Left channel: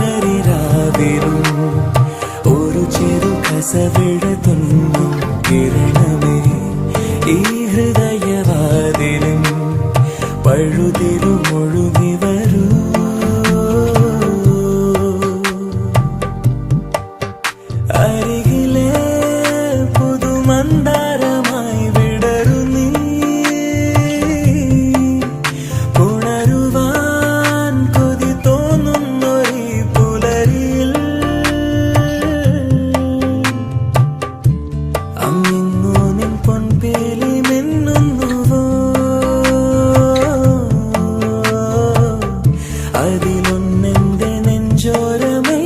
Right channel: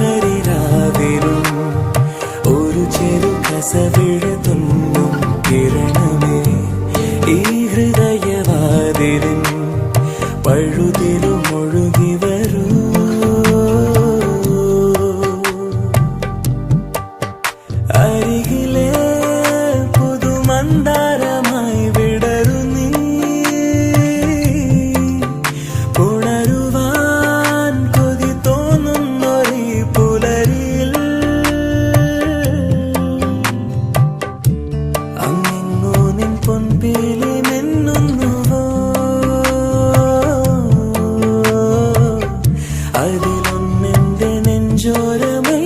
കരിരാവിലും ഒരു ചെറു കസവിട തുന്നും കിരണമേ ഈ ഹൃദയവാതിലും പഴുതിലുമൊഴുകി വരൂ. അരികിലെ പുതുമന്ദാരമായി വിടരു നീ, പുണരുവാൻ കൊതി തോന്നുന്നൊരു പുലരിയിൽ അങ്ങിങ്ങോ നിൻ പൊൻപേലി മിന്നുന്നുവോ, അതിലൊന്നെന്റെ നെഞ്ചോരമേ